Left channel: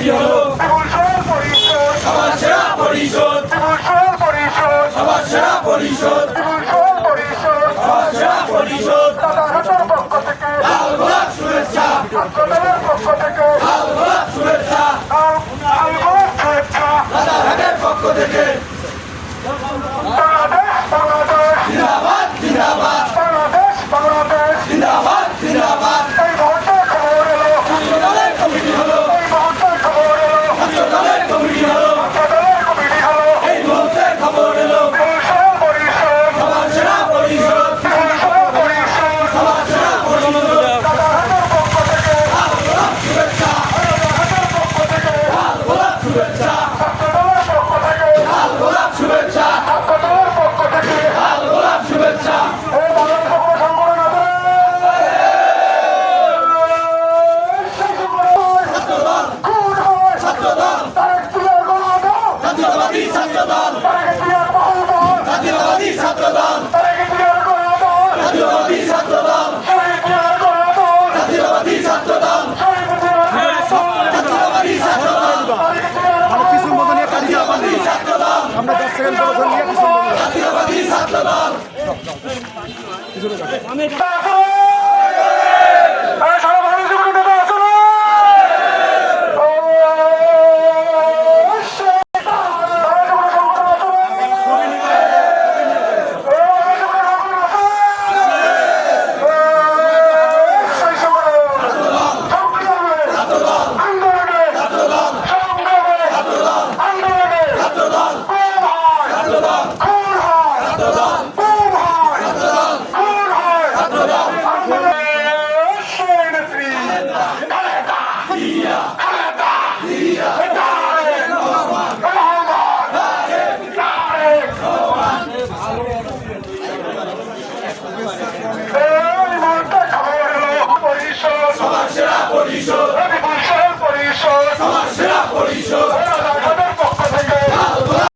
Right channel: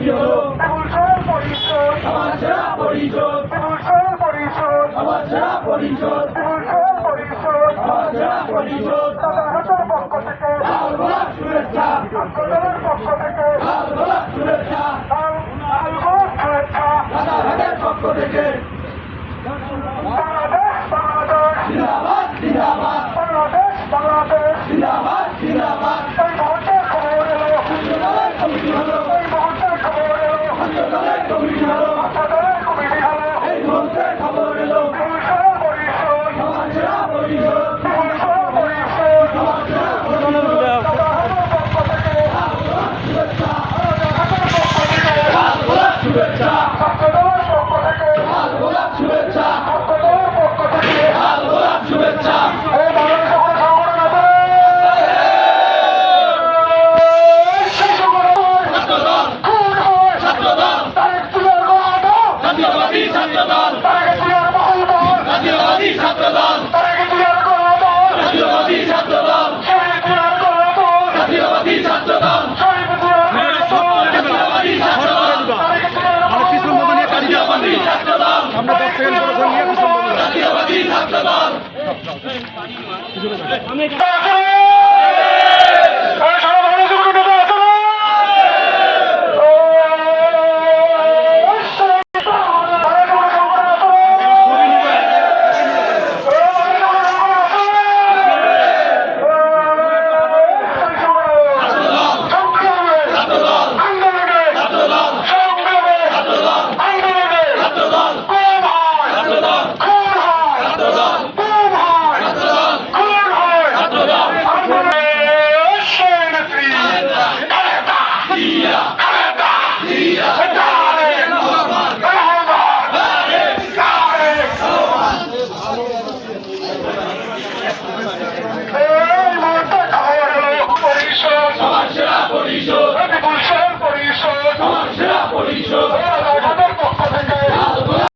Committee হলো সমাজ সেরা পরিষদ, সমাজ সেরা পরিষদ, সমাজ সেরা পরিষদ। লাল গোলাপ শুভেচ্ছা, লাল গোলাপ শুভেচ্ছা, রাজারহাটের পক্ষ থেকে জিন্দাবাদ জিন্দাবাদ জিন্দাবাদ জিন্দাবাদ। দলের কমিটি হলো দলের কমিটি হলো এই মুহূর্তে খবর এলো সমাজ সেরা পরিষদ, সমাজ সেরা পরিষদ। লাল গোলাপ শুভেচ্ছা, লাল গোলাপ শুভেচ্ছা, লাল গোলাপ শুভেচ্ছা, লাল গোলাপ শুভেচ্ছা। জাতীয়তাবাদী ছাত্রদল, জাতীয়তাবাদী ছাত্রদল, জাতীয়তাবাদী ছাত্রদল, জাতীয়তাবাদী ছাত্রদল, জাতীয়তাবাদী ছাত্রদল, জাতীয়তাবাদী ছাত্রদল, জাতীয়তাবাদী ছাত্রদল। সমাজ সেরা পরিষদ, সমাজ সেরা পরিষদ।